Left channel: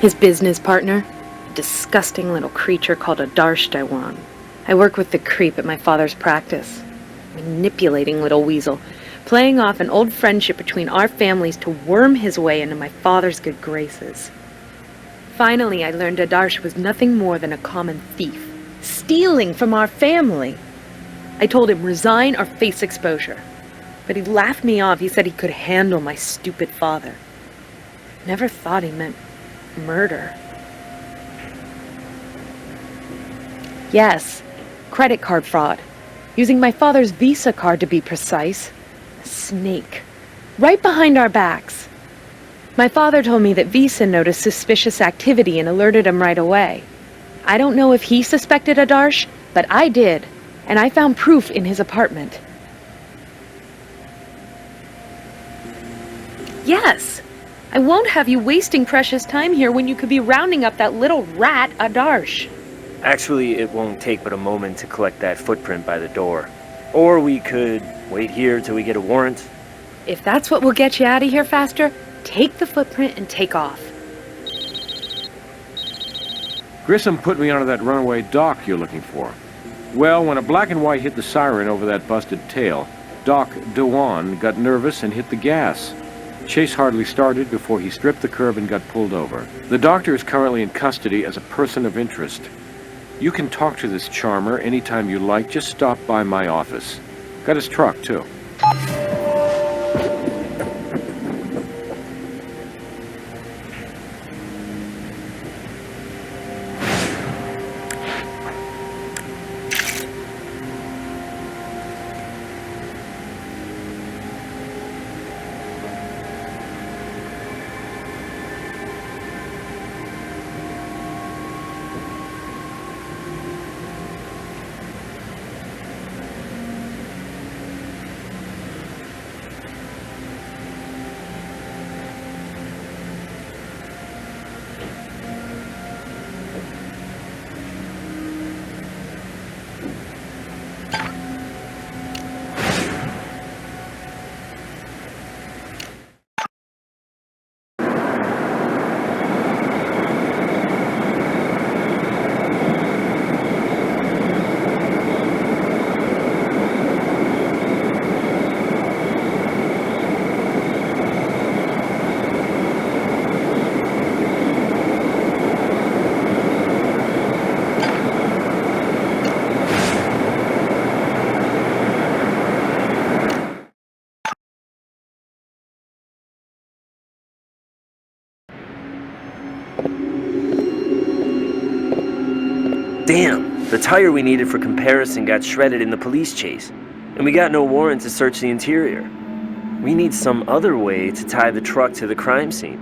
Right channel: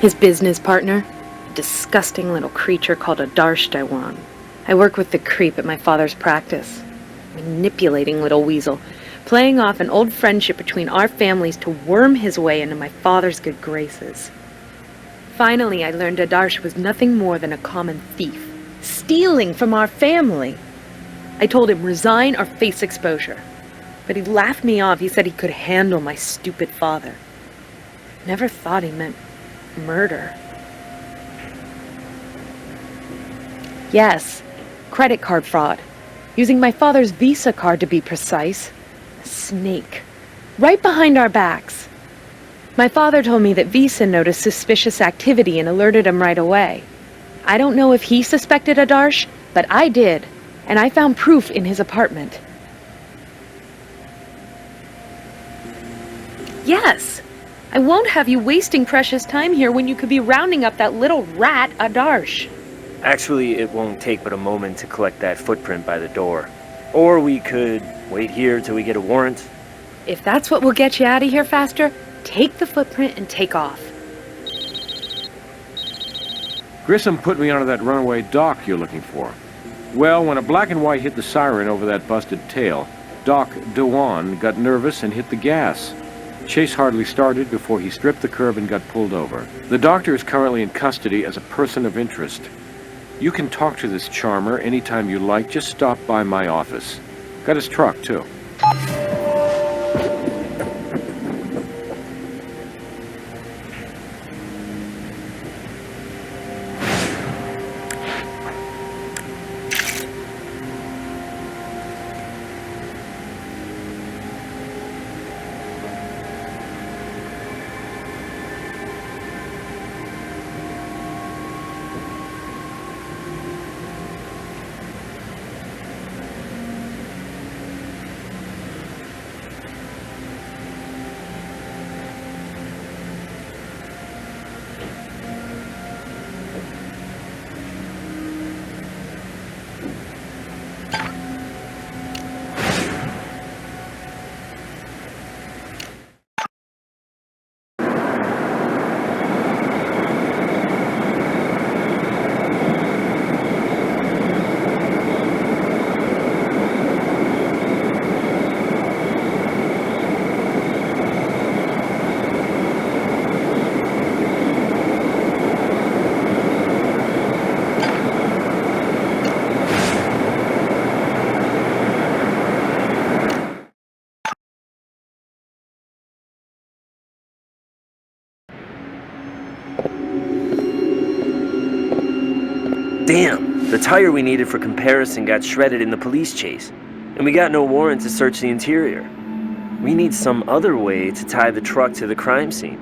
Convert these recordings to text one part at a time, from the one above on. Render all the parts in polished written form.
His business partner, a disgusting little creature called a Darshdawan. I work with the creep at my father's practice. Manipulating little weasel, playing off an old friendship between our families to worm his way into my father's good graces. Finally, I learned Adarsh was nothing more than a common thief, stealing from our family. I told him resign or face exposure, but he laughed me off. He said he could handle my stupid father. Never thought he meant murder. Yes, credit card fraud. Using my father's Visa card to be precise. A snake. Right behind our backs. My father told me that Visa noticed suspicious activity and alerted him right away. I don't know if he suspected Adarsh, but I did, and I found proof in his apartment. Yes! I won't have you wasting precious time here when you could be rounding up that little rat, Adarsh. Actually, it won't take but a moment to collect that footprint by the door. Or we could wait here till we get a warrant. If that's what will get you out of here faster, take the footprint and take off. Grissom put me onto that runaway Doc you're looking for. Well, when a black and white hit the siren over that busted tail, Doc Dewan got nervous and hit the gas. Chase hardly started before he stripped the curb and got pulled over. The doctor is currently in custody as a person of interest. You can talk to this charmer anytime you like. Just stop by my office. Got his truck, too. Damn, the tire we needed for comparison got shredded in the police chase, and we got no warrant to search the interior. We need some other way to tie the truck to the crime scene.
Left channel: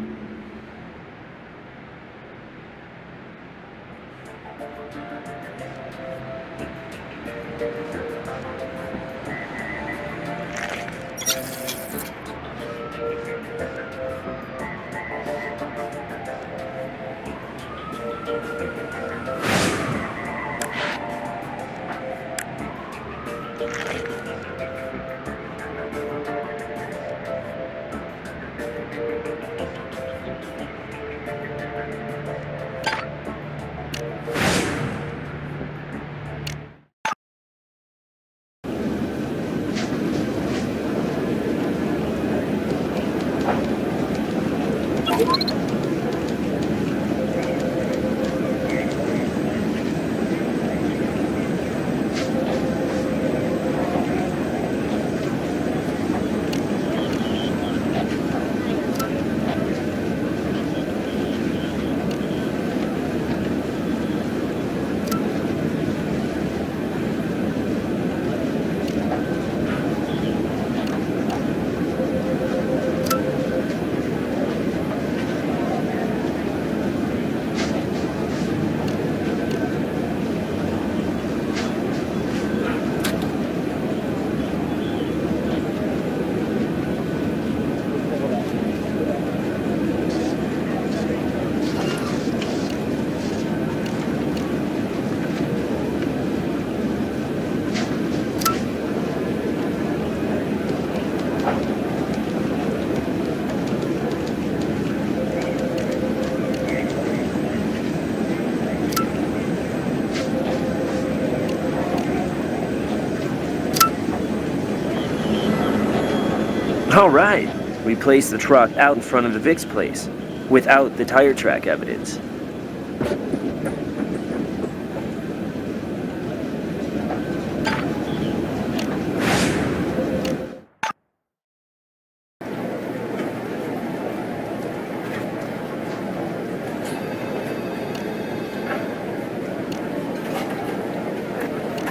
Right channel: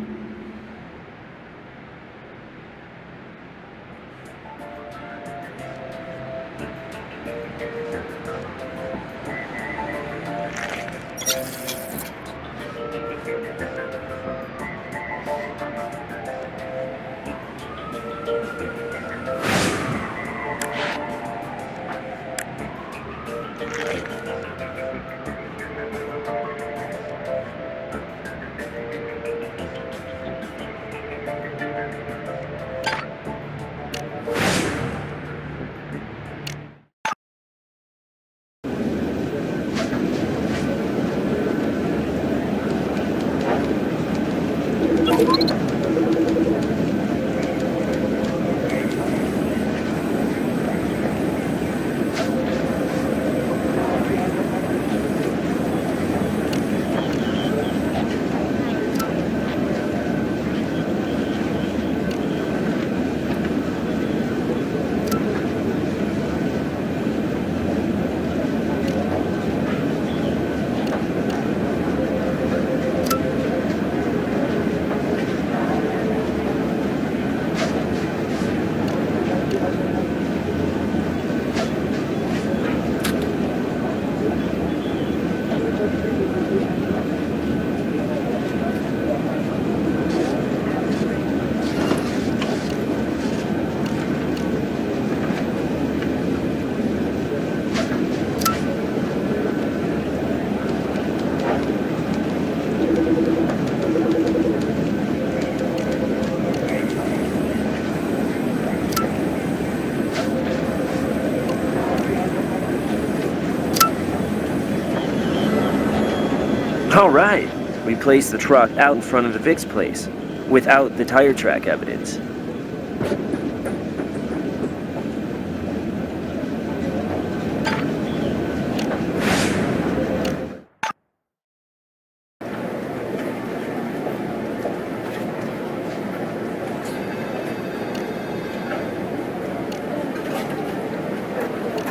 All right. We placed the truck out in front of the Vic's place, without the tire track evidence.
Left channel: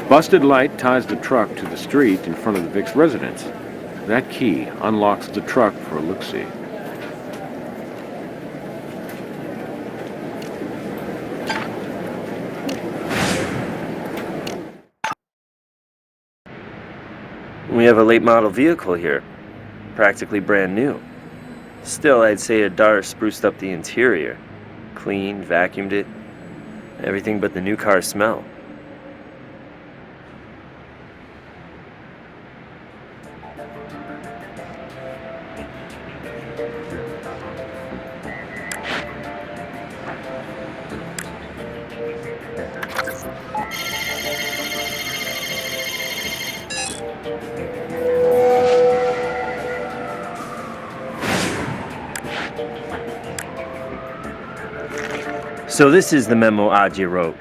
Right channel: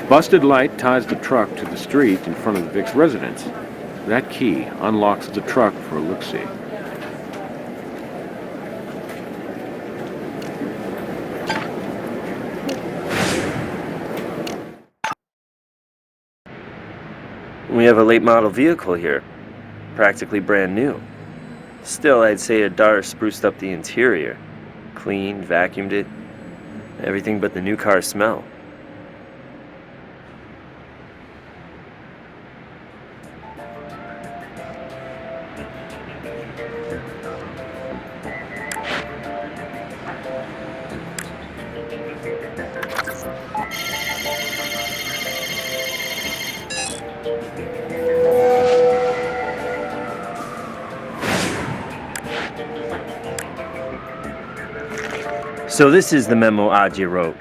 Busted light ties the truck to the street in front of the Vic's residence. That key unlocks the truck for a look-see. We have a late model vehicle here, practically brand new. Still, I'd say Adar spruced up the interior. Cleaned, vacuumed it. Everything but the new car smell. So this is the memo Adja wrote.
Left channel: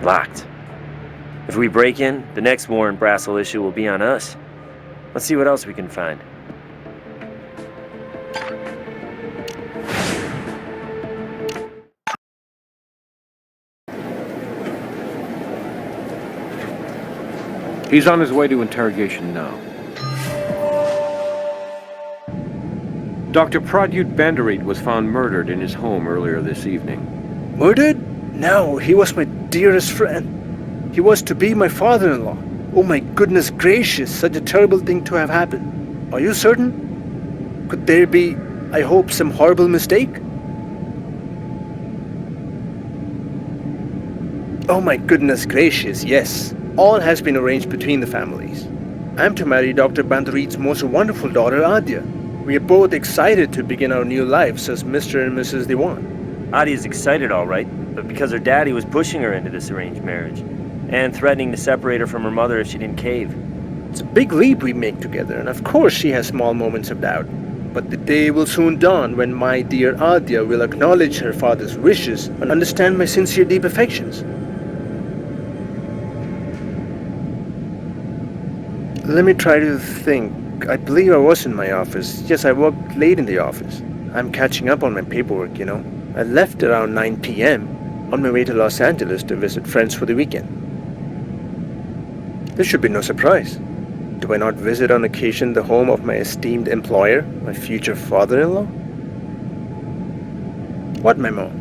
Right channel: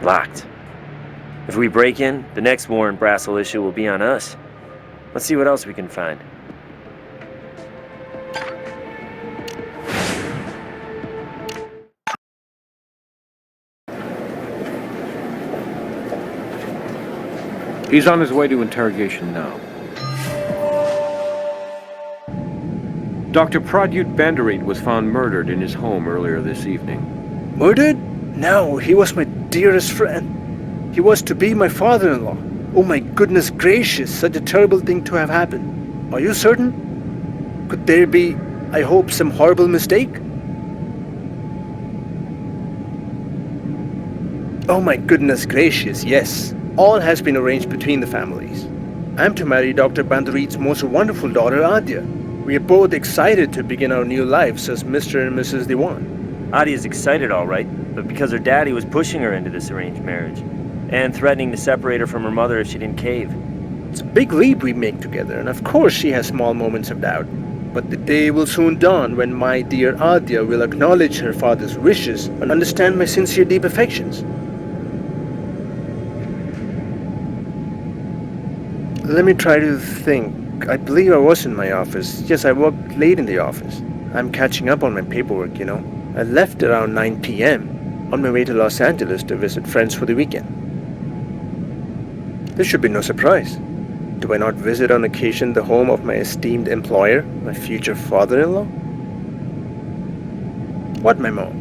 Locked. If we break in, the next Warren Brassel issue will be on us. Let's see what else we can find. He's on his way to interrogation now. Dr. Pradyut Bandarit was found murdered in his home earlier this evening. Murdered? No, he was my dearest friend. He was to be my father-in-law. Oh my goodness gracious, such a terrible thing to have happened. Are you certain? Could there be, I hope, some horrible mistake? Oh my goodness gracious, yes. All has been arranged between the families. I'm to marry Dr. Bandarit's most wonderful daughter, Adya. We are both excited to begin our new lives as Mr. and Mrs. Dewan. Adia's excited, all right, but because her daddy was pushing her into this arranged marriage and threatening to separate her from her mother if she didn't cave. It's a big leap we make together, and of course she has small moments of doubt. But the day will soon dawn when my dear Adya will acknowledge her father's wishes and understand my sincere deep affections. Let me try to think. I believe I was in my office. Yes, I worked late in the office. I'm catching up on my paperwork, you know. I left around 9 p.m. on my way to Los Angeles to visit friends for the weekend. This should be no surprise. Do I not visit on occasion the home of my esteemed employer, my future father-in-law? What memo?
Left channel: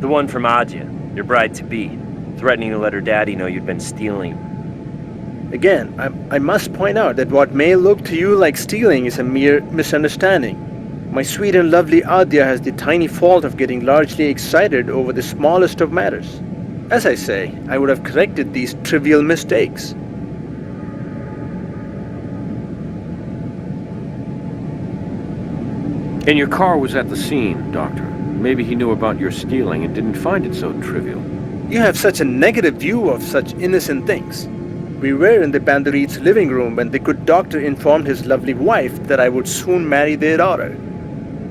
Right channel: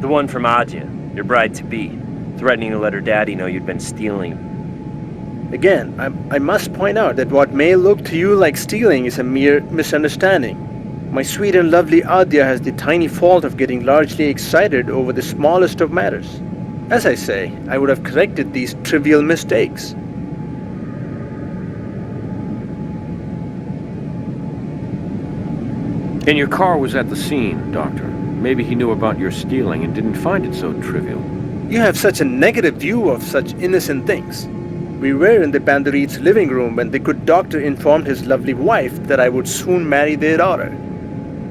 The one from Adja, your bride-to-be, threatening to let her daddy know you'd been stealing. Again, I must point out that what may look to you like stealing is a mere misunderstanding. My sweet and lovely Adya has the tiny fault of getting largely excited over the smallest of matters. As I say, I would have corrected these trivial mistakes. And your car was at the scene, Doctor. Maybe he knew about your stealing and didn't find it so trivial. You have such a negative view of such innocent things. We were in the Bandarit's living room when the good doctor informed his lovely wife that I would soon marry their daughter.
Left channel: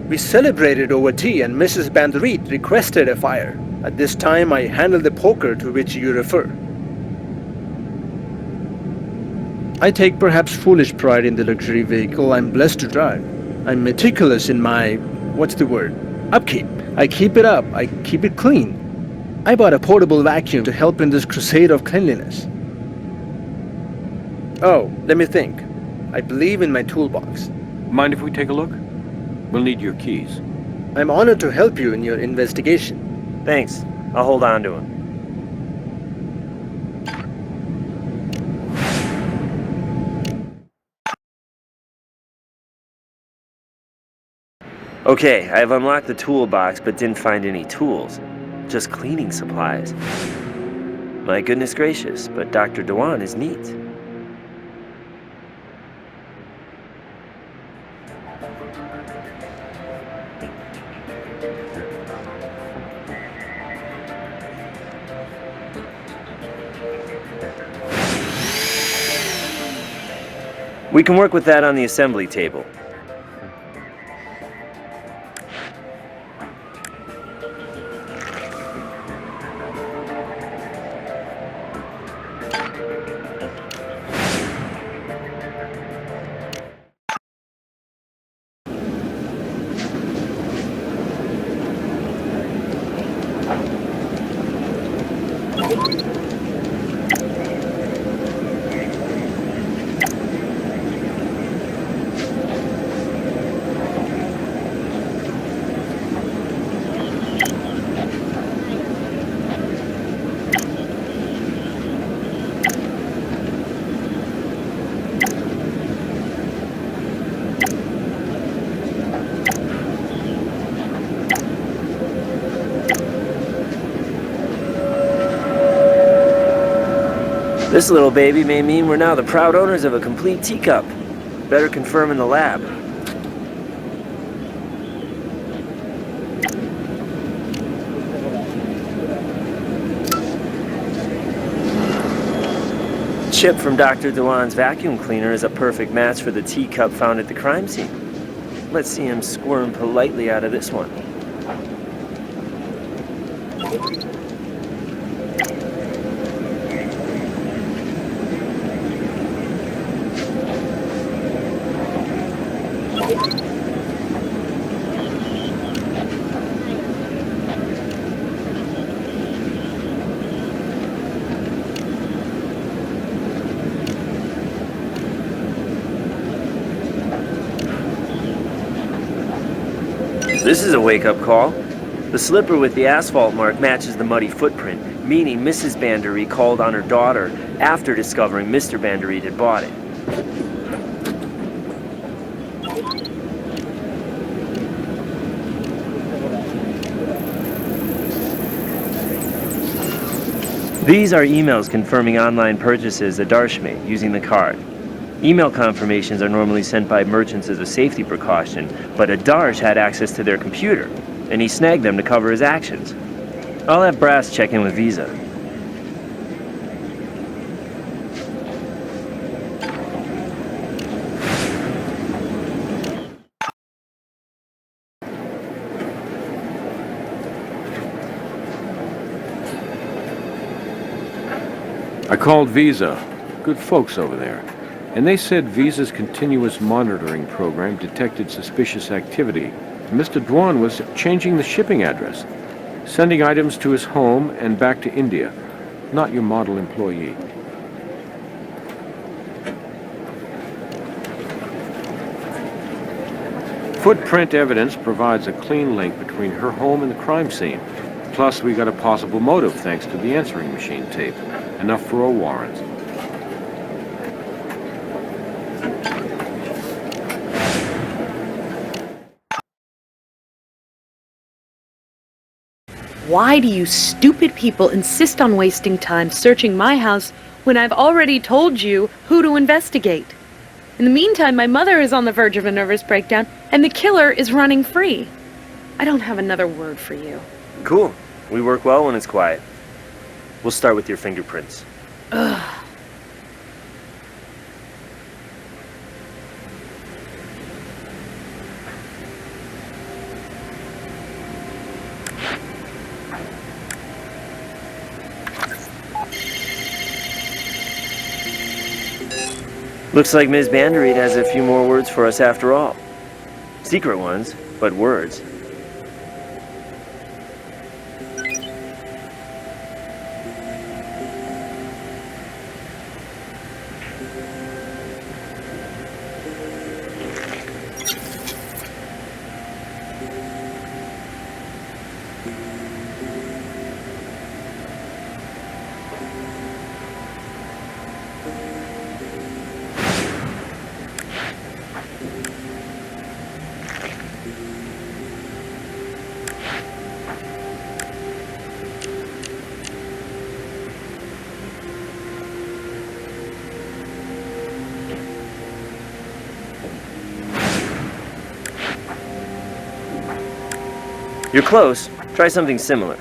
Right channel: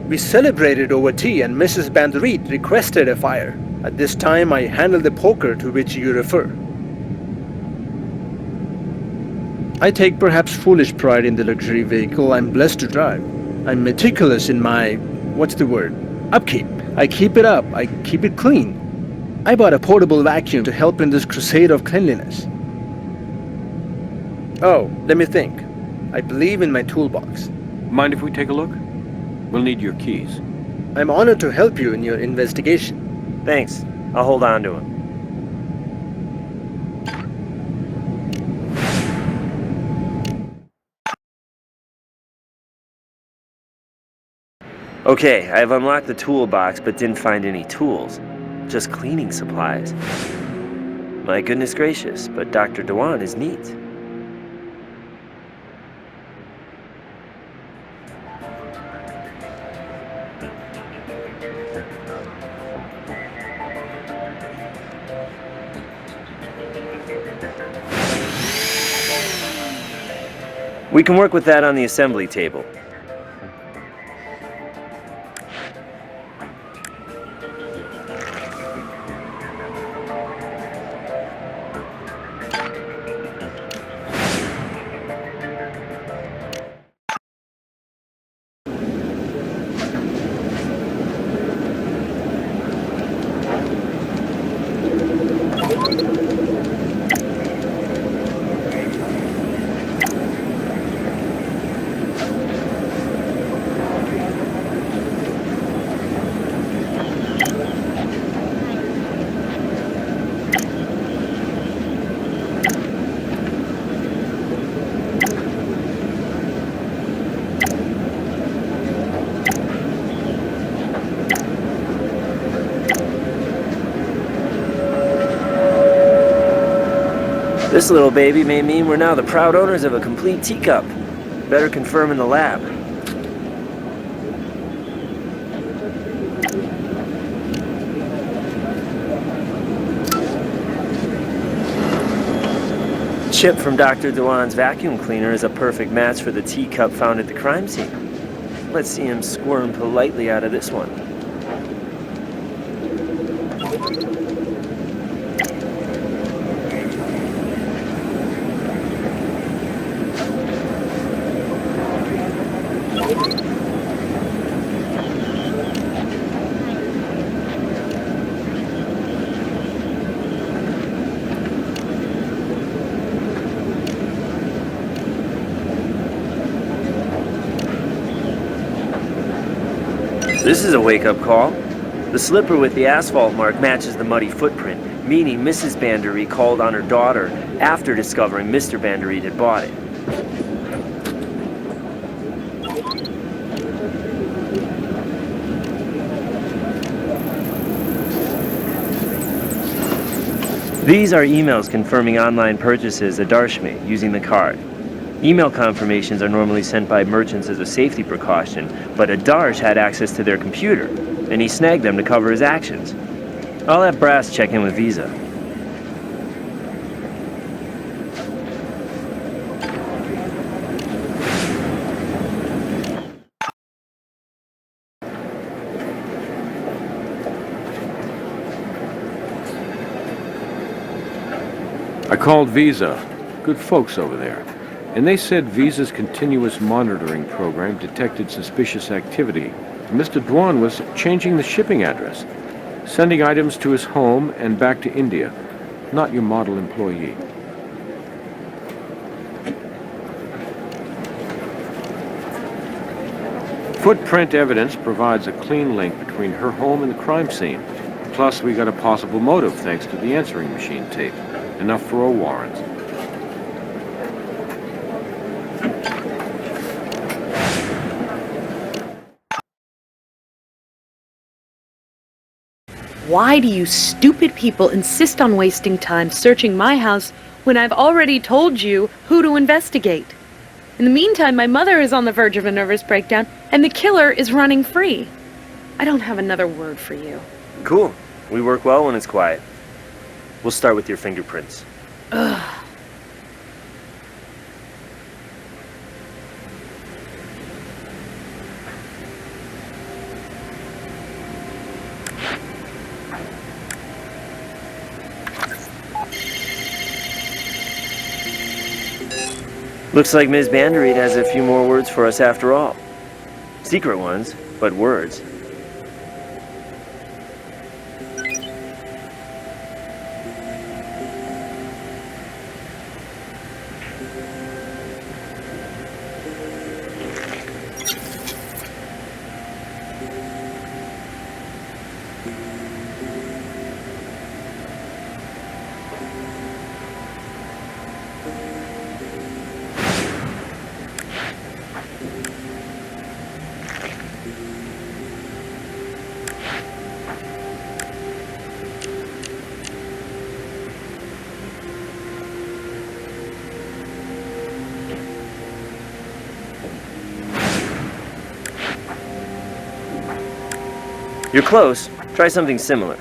We celebrated over tea and Mrs. Bandarit requested a fire. At this time I handled the poker to which you refer. I take perhaps foolish pride in the luxury vehicle I'm blessed to drive. I'm meticulous in my, upkeep. I keep it up, I keep it clean. I bought a portable vacuum to help in this crusade of cleanliness. Oh, let me think. I believe in my toolbox. Mind if we take a look? We'll need your keys. I'm honored to help you in your investigation. Thanks. I'll hold on to him. Okay, I've unlocked the toolbox but didn't find any tools. Just cleaning supplies. My goodness gracious, but Dr. Dewan is neat. We can work with that on the assembly table. This little baby may mean we're now the proud owners of a complete teacup. Better confirm in the lab. Chip from Dr. Dewan's vacuum cleaner is a perfect match for the teacup found at the crime scene. Let's see him squirm politely out of this one. This is a wake-up call. The slipper with the asphalt mark matches the muddy footprint, meaning Mrs. Bandery called on her daughter after discovering Mr. Bandery had bought it. These are emails confirming online purchases at Darsh made using the card. Email confirmations are normally sent by merchants as a safety precaution, but Adarsh had access to their computer, and he snagged them to cover his actions. I'll have Brass check in with Visa. I called Visa. Good folks over there. And they said Visa's continuous monitoring program detected suspicious activity. Mr. Dwan was changing the shipping address, sending items to his home and back to India. Not your model employee. Footprint evidence provides a clean link between her home and the crime scene. Plus, we got a possible motive thanks to the answering machine tape. Enough for a warrant. Why do you stupid people insist on wasting time searching my house when I've already told you who to investigate? In the meantime, my mother is on the verge of a nervous breakdown, and the killer is running free. I don't have another word for you. Cool. We work well when it's quiet. We'll start with your fingerprints. Ugh. Looks like Ms. Bandereed has a few more words for us after all. Secret ones, but words. You're close. Try something similar.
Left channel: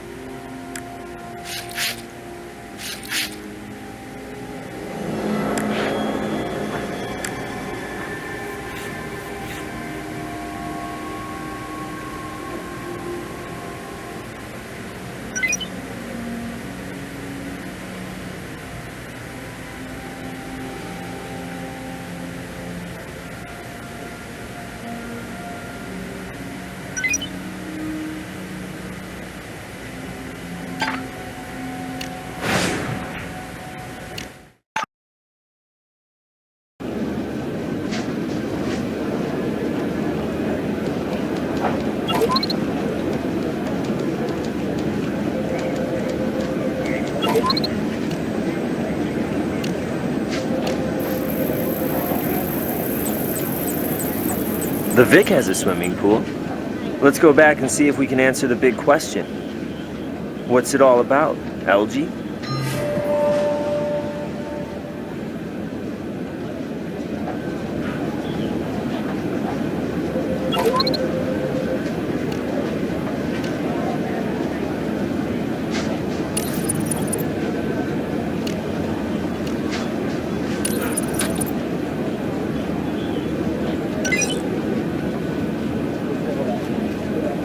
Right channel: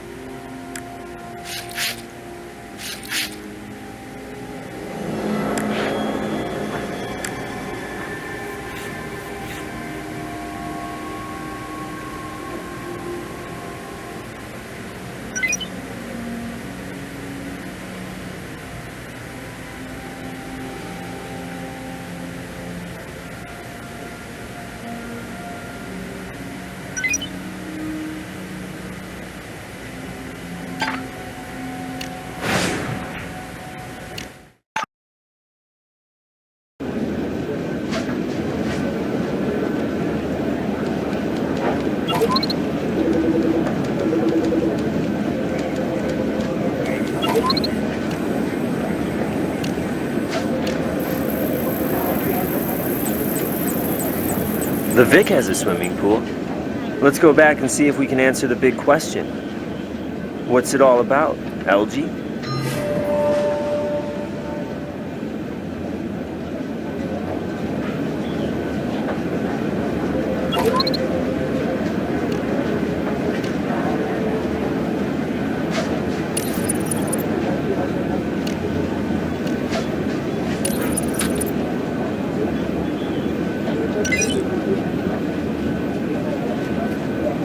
The Vic has a swimming pool. Let's go back and see if we can answer the big question. What's it all about, algae?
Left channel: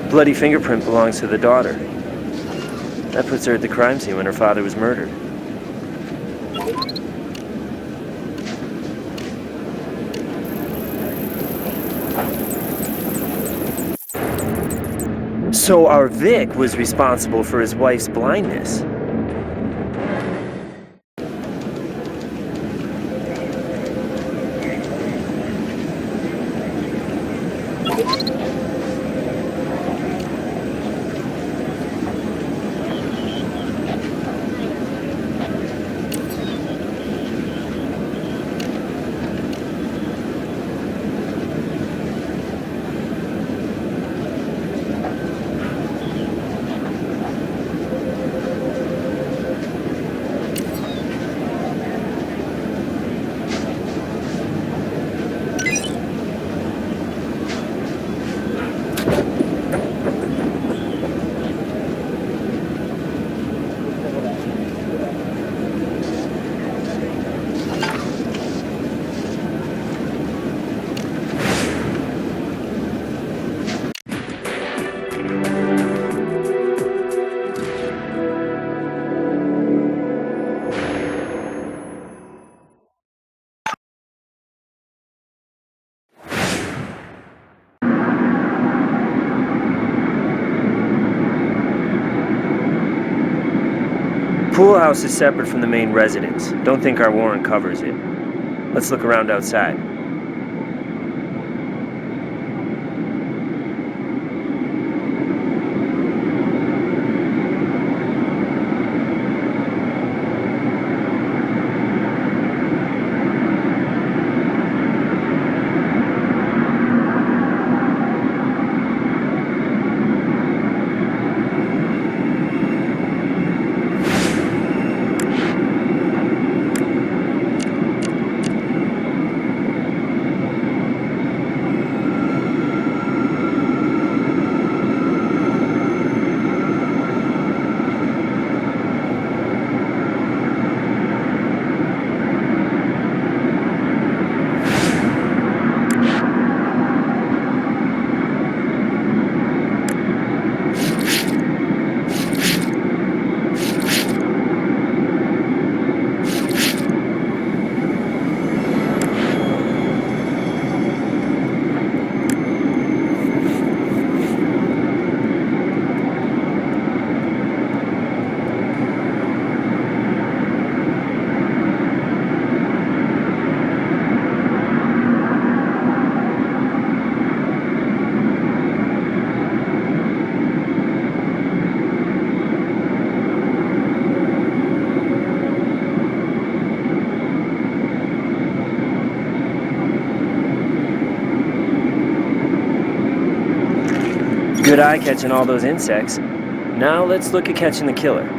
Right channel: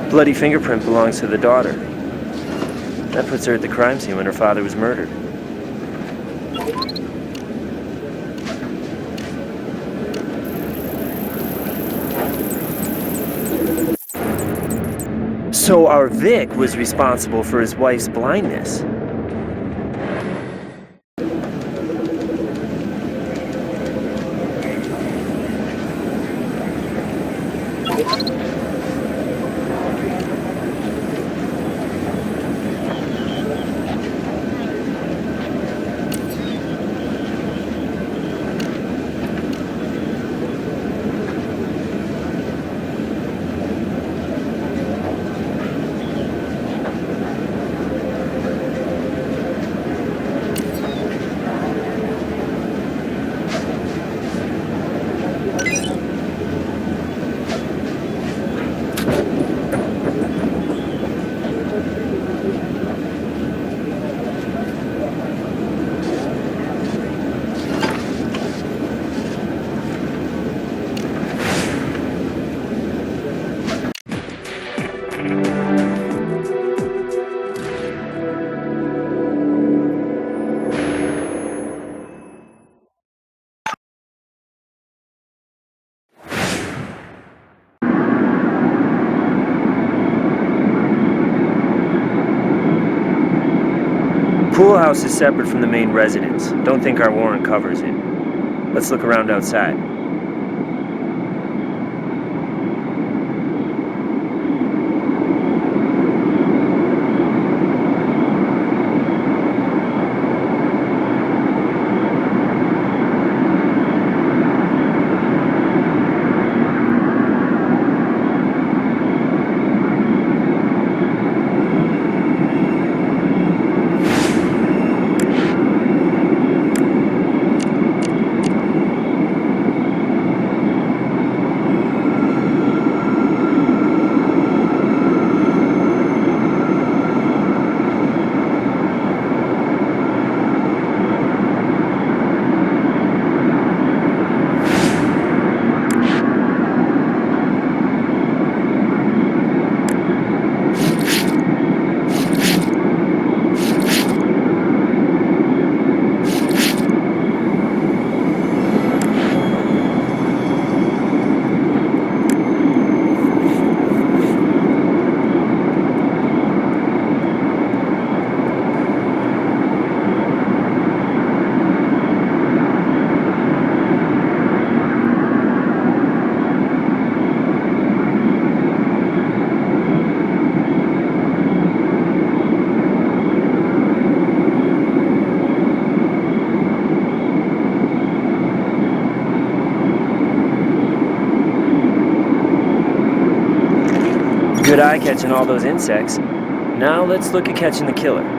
Bloody fingerprint belongs to the daughter. That puts her at the crime scene when her father was murdered. So our Vic was responsible for his wife's blindness. Pool house is separate from the main residence. Don't think our warrant covers it. Let's look around outside. Good eye catching all those insects. Now let's look at catching the killer.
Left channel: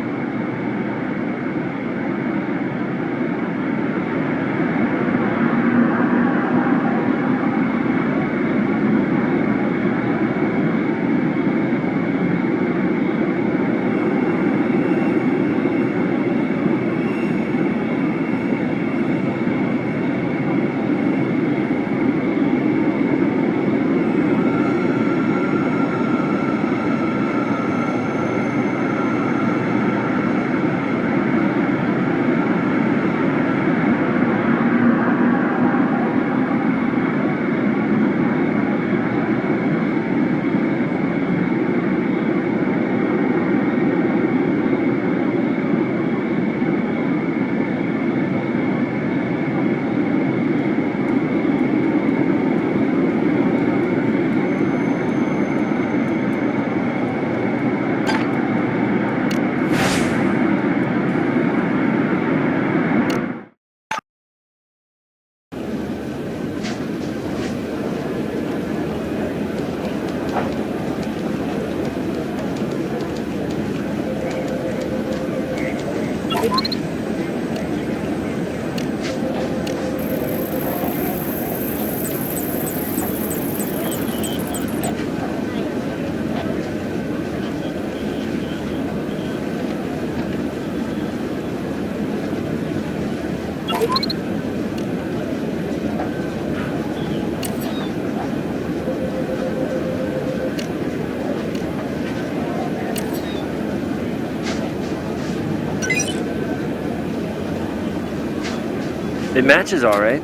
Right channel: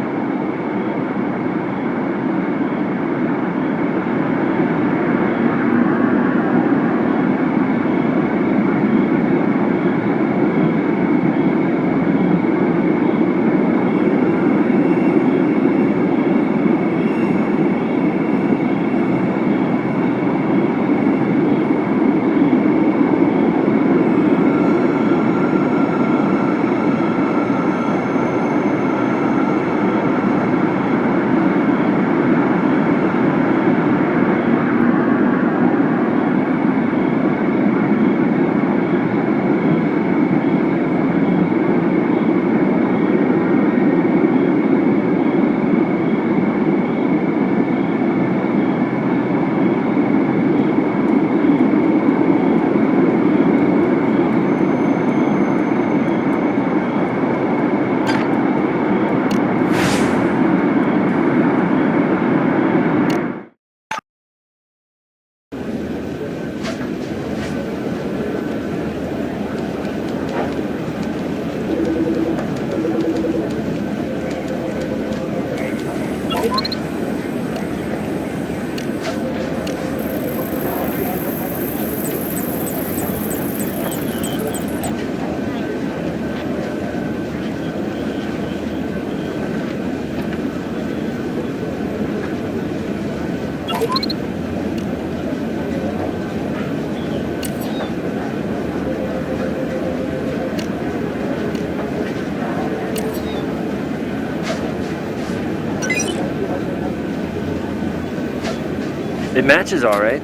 It matches all right.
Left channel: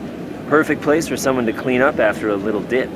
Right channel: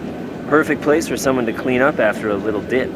Perfect place for someone to clean up after a little dip.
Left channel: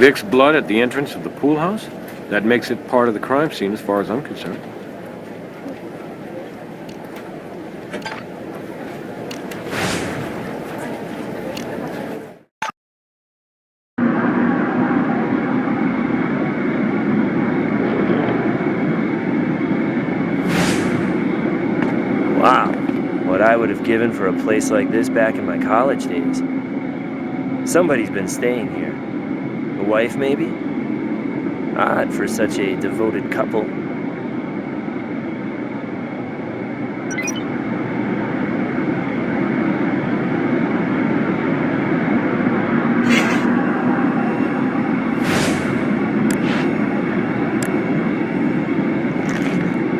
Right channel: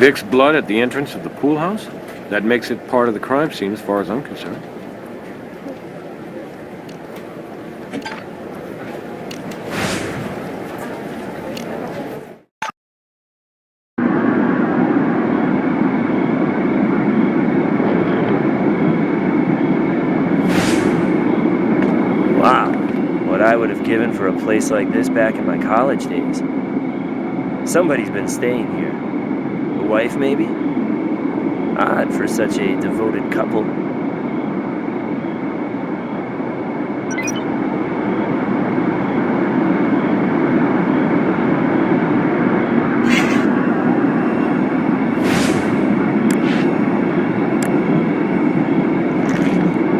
Vic's blood at the entrance of the pool house? That makes it part of the crime scene as far as I'm concerned. Wow, what I would have given for a place like this back in my college days. Somebody's been staying here. A wife, maybe? Odd for such a devoted couple.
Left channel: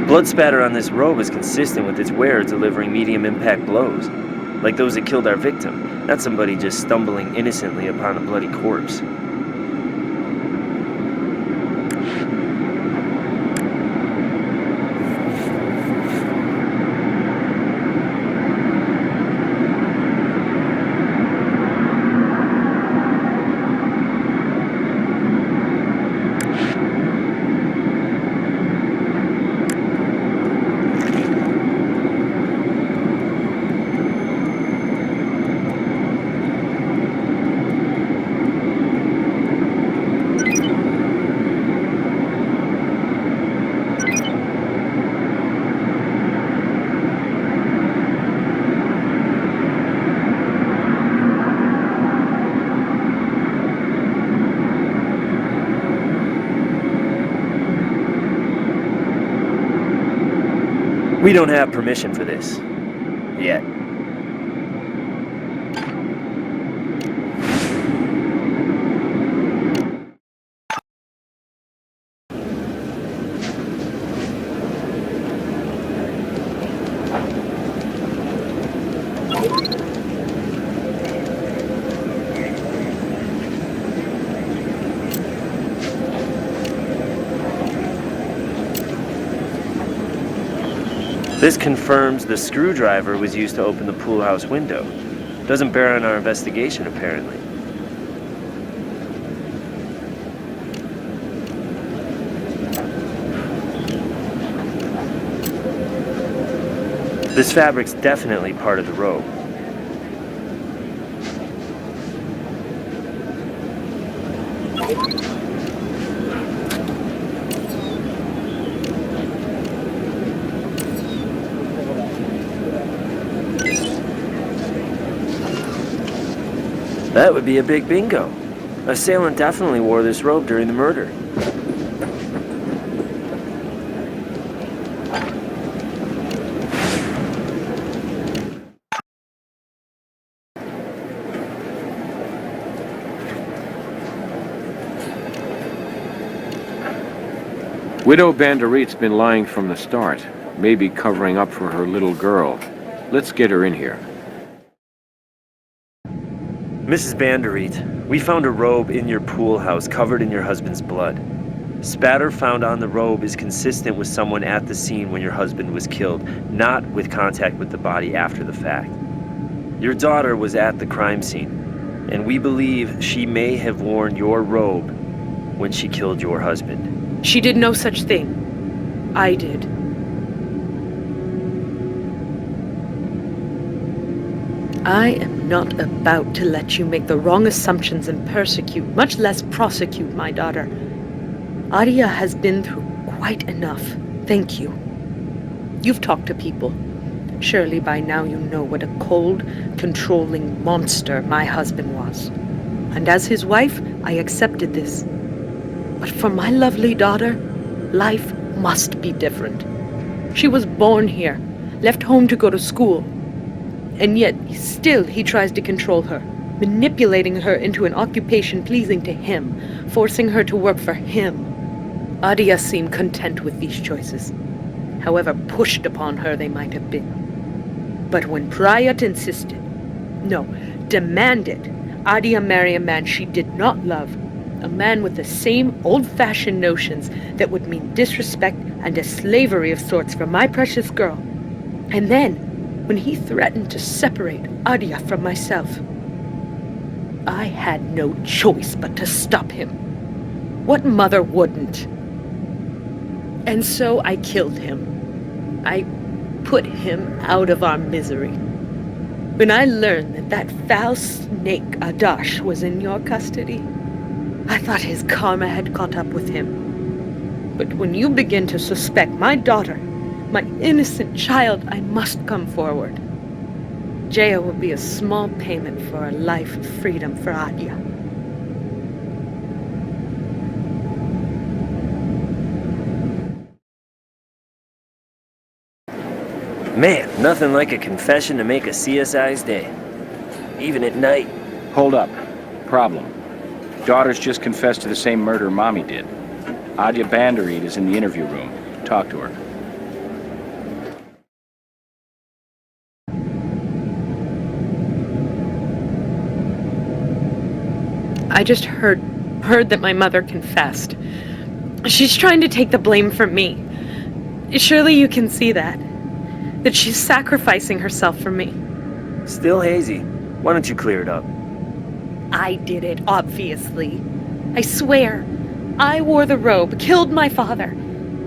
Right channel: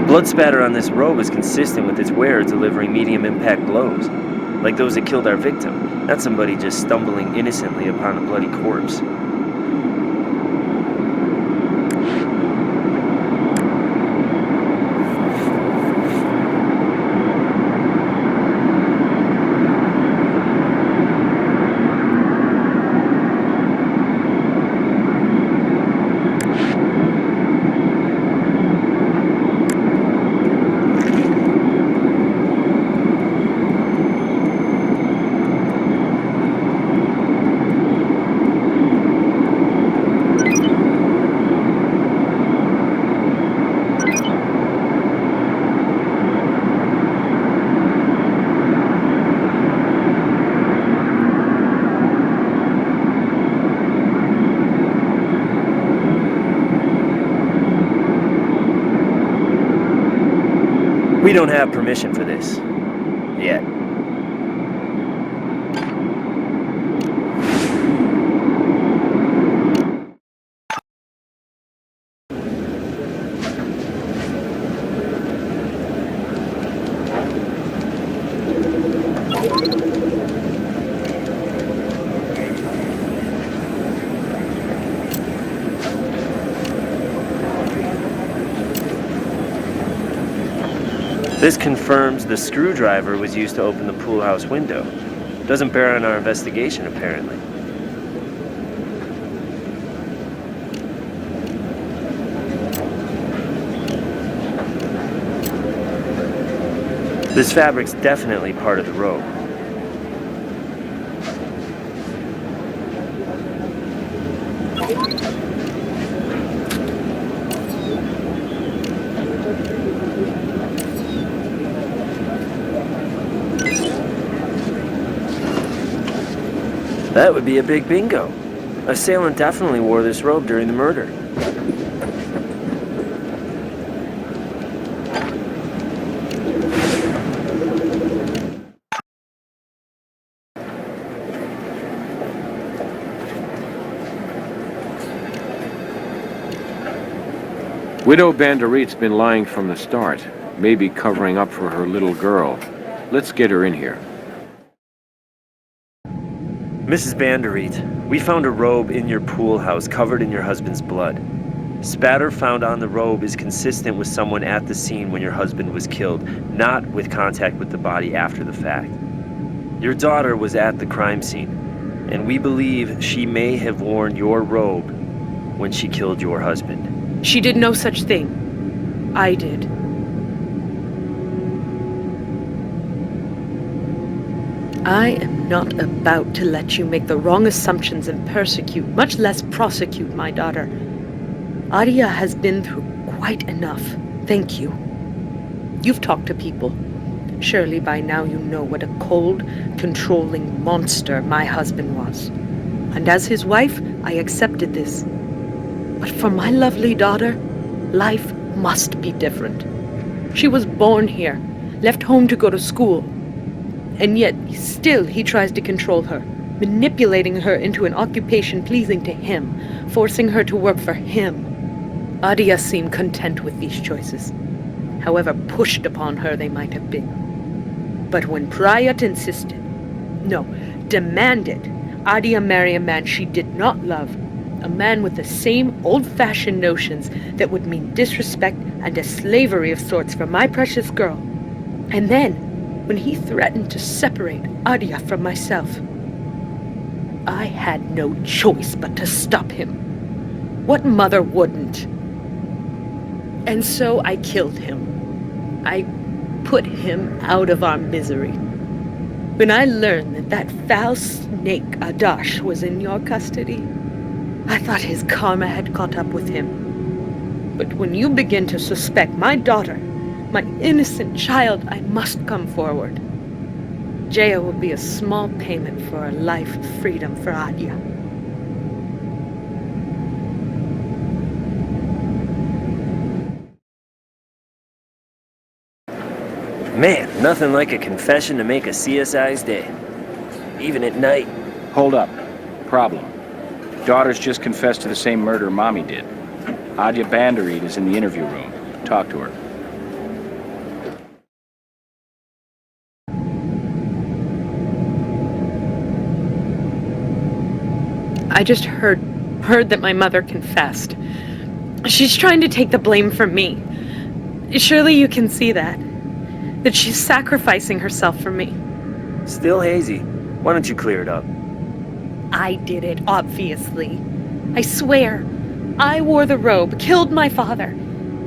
Blood spatter on this robe is consistent with its wearer delivering medium impact blows, like those that killed our victim, not somebody just stumbling innocently upon a bloody corpse. We don't have permission for this. Yet. This confirms the screwdriver was used to open the pool house window. Doesn't bear on our investigation, apparently. This fabric's definitely part of the robe. That would be a big bingo. Assailant definitely wore this robe during the murder. Widow Banderit's been lying from the start. Maybe covering up for her little girl. Let's get her in here. Mrs. Banderit, we found a robe in your pool house covered in your husband's blood. Spatter found on the robe is consistent with someone at the scene when your husband was killed, not with contact with the body after the fact. Your daughter was at the crime scene, and we believe she may have worn your robe when she killed your husband. She did no such thing. I did. I am not about to let you make the wrong assumptions and persecute, much less prosecute, my daughter. Adia has been through quite enough. Thank you. You've talked to people. Surely by now you know what a cold, controlling monster my husband was. And as his wife, I accepted this. But for my lovely daughter, life must be different. She was born here, left home to go to school. And yet, still he tries to control her, manipulating her into an occupation pleasing to him, forcing her to work for him. Adia seemed content with these choices, however pushed upon her they might have been. But when Prayat insisted, no, demanded, Adia marry a man she did not love, a man with the same old-fashioned notions that would mean disrespect and a slavery of sorts for my precious girl. And then, when he threatened to separate Adia from myself, I had no choice but to stop him. What mother wouldn't? And so I killed him. I put him out of our misery. When I learned that that foul snake Adash was in your custody, I thought his karma had caught up with him. But when you begin to suspect my daughter, my innocent child, I must come forward. Jaya will be a small payment for a life of freedom for Adia. Man, nothing like a confession to make a CSI's day. Even at night. Hold up. Problem. Daughter's just confessed to the same murder Mommy did. Adia Banderit is in the interview room. Talk to her. I just heard that my mother confessed. She's trying to take the blame from me. Surely you can see that she's sacrificing herself for me. Still hazy. Why don't you clear it up? I did it, obviously. I swear. I wore the robe, killed my father.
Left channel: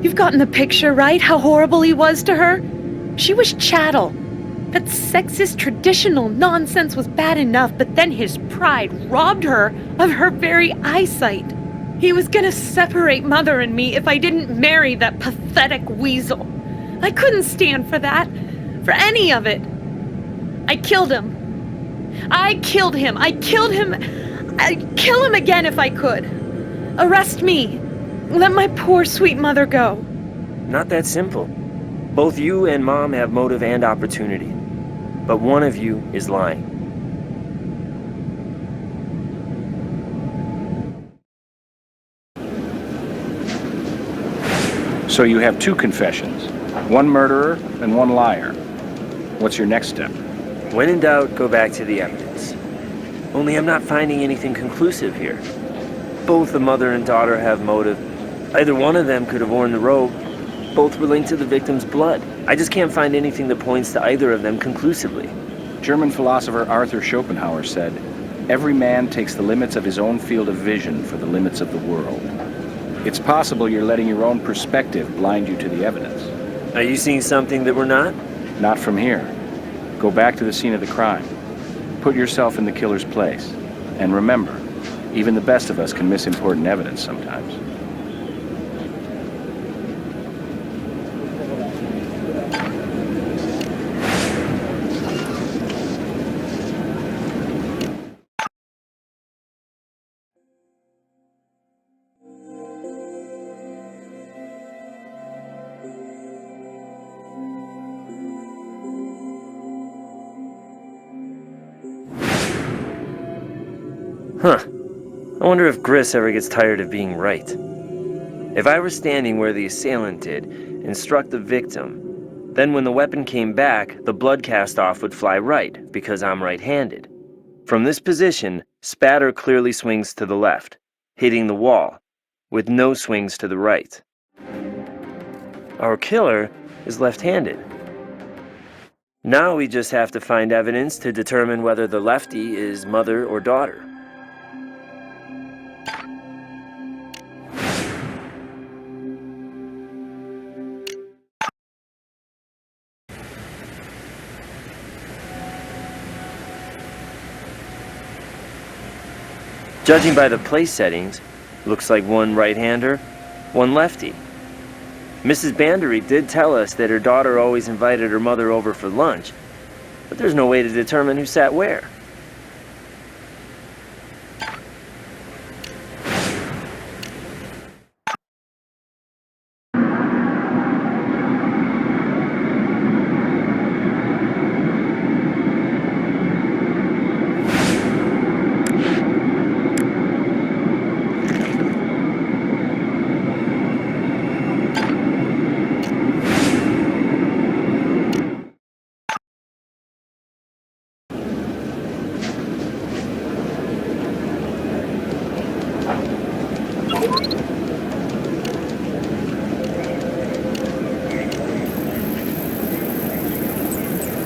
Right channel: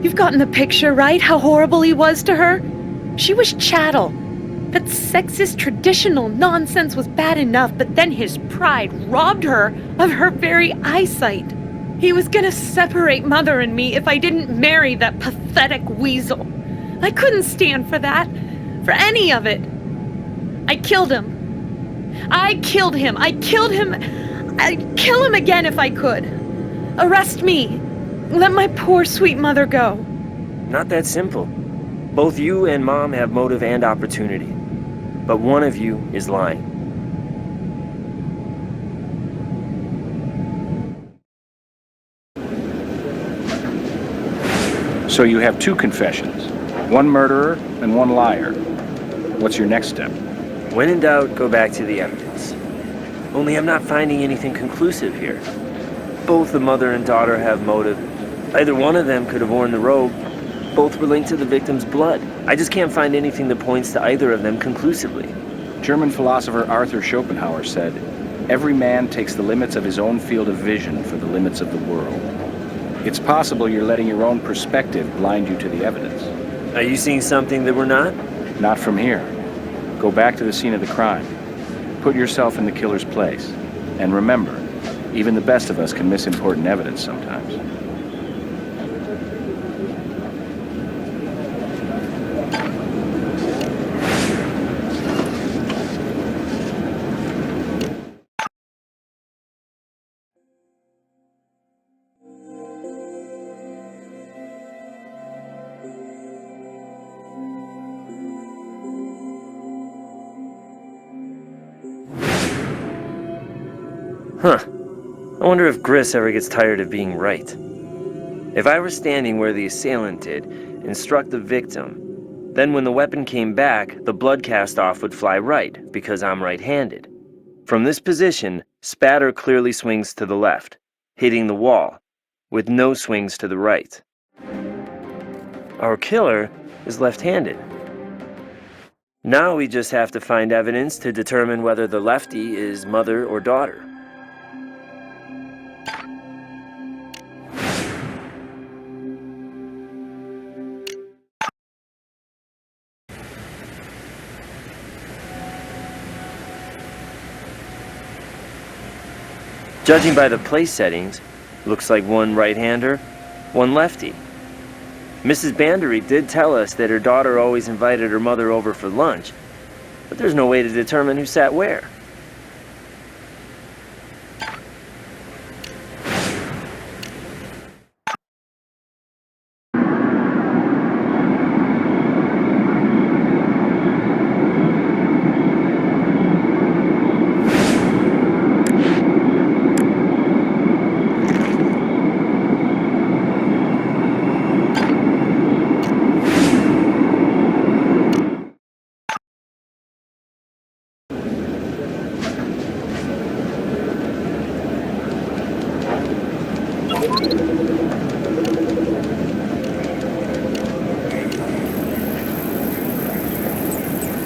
You've gotten the picture, right? How horrible he was to her? She was chattel. That sexist traditional nonsense was bad enough, but then his pride robbed her of her very eyesight. He was gonna separate Mother and me if I didn't marry that pathetic weasel. I couldn't stand for that. For any of it. I killed him. I killed him. I'd kill him again if I could. Arrest me. Let my poor sweet mother go. Not that simple. Both you and Mom have motive and opportunity. But one of you is lying. So you have two confessions. One murderer and one liar. What's your next step? When in doubt, go back to the evidence. Only I'm not finding anything conclusive here. Both the mother and daughter have motive. Either one of them could have worn the robe. Both were linked to the victim's blood. I just can't find anything that points to either of them conclusively. German philosopher Arthur Schopenhauer said, "Every man takes the limits of his own field of vision for the limits of the world." It's possible you're letting your own perspective blind you to the evidence. Are you seeing something that we're not? Not from here. Go back to the scene of the crime. Put yourself in the killer's place. And remember, even the best of us can miss important evidence sometimes. Huh. I wonder if Gris ever gets tired of being right. If I were standing where the assailant did and struck the victim, Then when the weapon came back, the blood cast off would fly right, because I'm right-handed. From this position, spatter clearly swings to the left, hitting the wall, with no swings to the right. Our killer is left-handed. Now we just have to find evidence to determine whether the lefty is mother or daughter. Judging by the place settings, looks like one right-hander, one lefty. Mrs. Bandery did tell us that her daughter always invited her mother over for lunch, but there's no way to determine who sat where.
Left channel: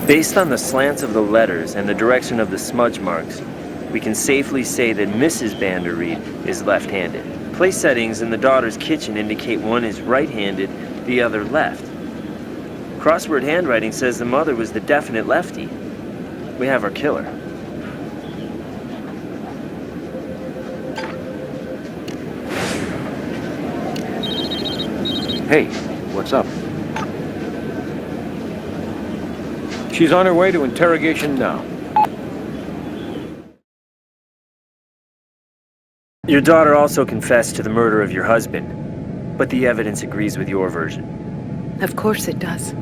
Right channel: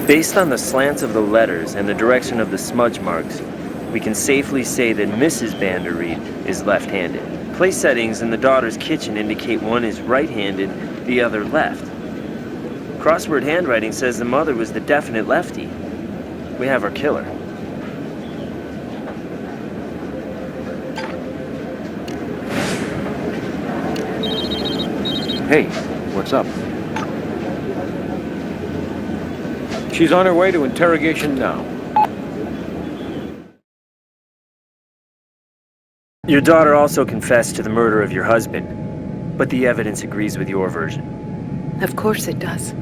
Based on the slants of the letters and the direction of the smudge marks, we can safely say that Mrs. Bandery is left-handed. Place settings in the daughter's kitchen indicate one is right-handed, the other left. Crossword handwriting says the mother was the definite lefty. We have our killer. Hey, what's up? She's on her way to interrogation now. Your daughter also confessed to the murder of your husband, but the evidence agrees with your version. Of course it does.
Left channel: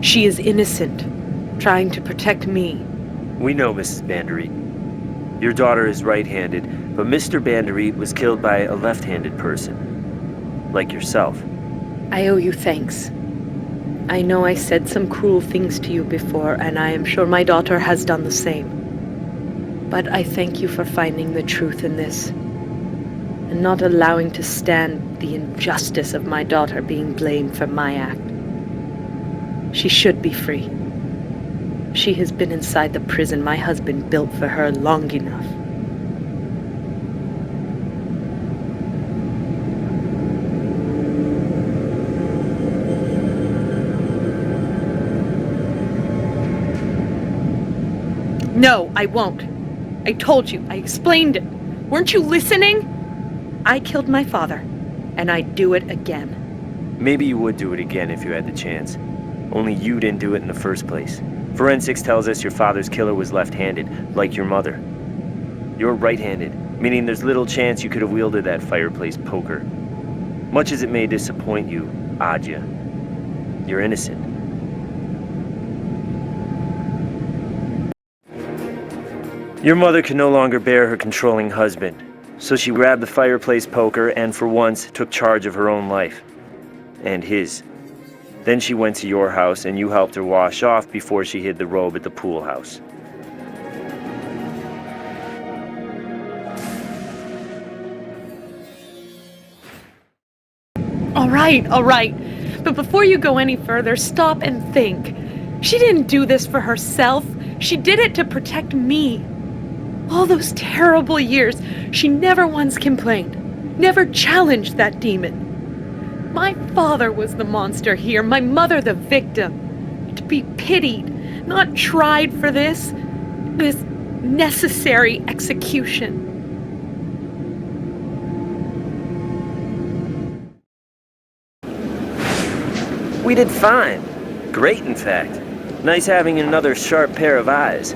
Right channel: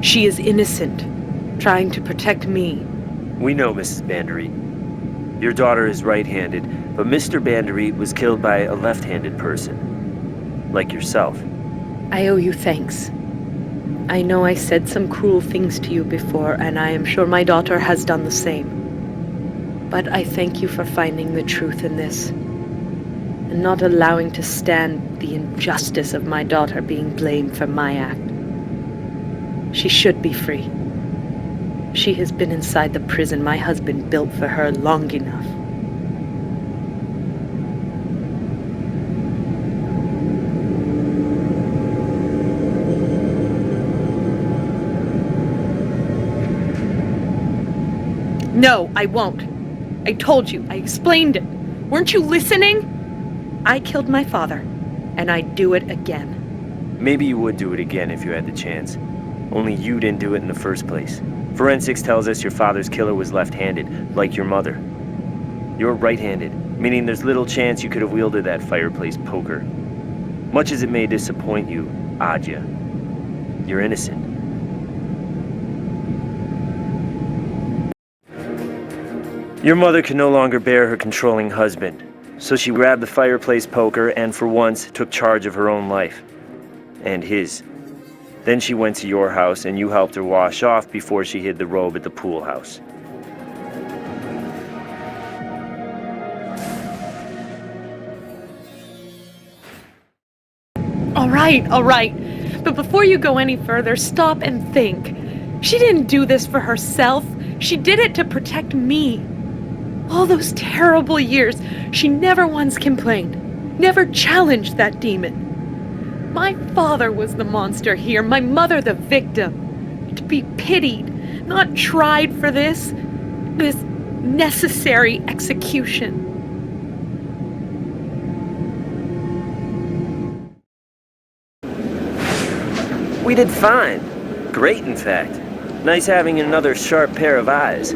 She is innocent, trying to protect me. We know, Mrs. Bandery. Your daughter is right-handed, but Mr. Bandery was killed by a left-handed person, like yourself. I owe you thanks. I know I said some cruel things to you before, and I am sure my daughter has done the same. But I thank you for finding the truth in this, and not allowing to stand the injustice of my daughter being blamed for my act. She should be free. She has been inside the prison my husband built for her long enough. No, I won't. I told you. I explained it. Weren't you listening? I killed my father, and I'd do it again. Maybe you would do it again if you had the chance. Only you didn't do it in the first place. Forensics tells us your father's killer was left-handed, like your mother. You're right-handed, meaning there's little chance you could have wielded that fireplace poker. Much as it may disappoint you, Adja, you're innocent. Your mother could no longer bear her controlling husband, so she grabbed the fireplace poker and for once took charge of her own life. And his. Then she went to your house and you helped her wash off before she hid the robe at the pool house. All right. But before you go any further, stop and think. She didn't do this for herself. She did it to protect me. All those terrible years, she never once complained, never challenged that demon. My father was the monster here, my mother the victim. To be pitied, not tried for this necessary execution. We did fine. Great, in fact. Nice having another sharp pair of eyes.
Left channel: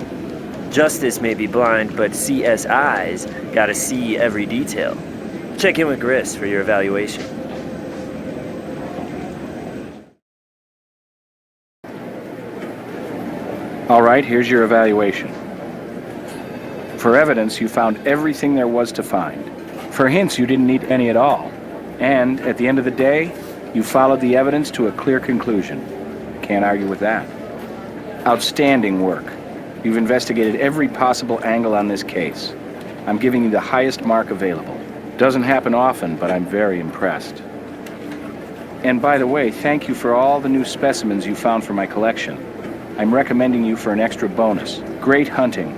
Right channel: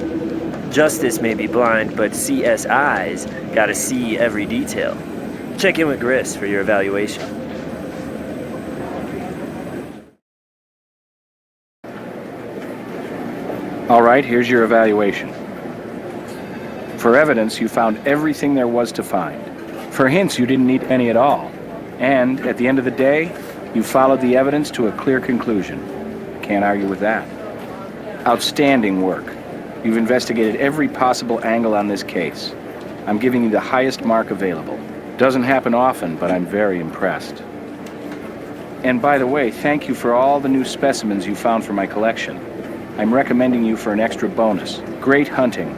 Justice may be blind, but CSI's gotta see every detail. Check in with Gris for your evaluation. All right, here's your evaluation. For evidence, you found everything there was to find. For hints, you didn't need any at all. And, at the end of the day, you followed the evidence to a clear conclusion. Can't argue with that. Outstanding work. You've investigated every possible angle on this case. I'm giving you the highest mark available. Doesn't happen often, but I'm very impressed. And by the way, thank you for all the new specimens you found for my collection. I'm recommending you for an extra bonus. Great hunting.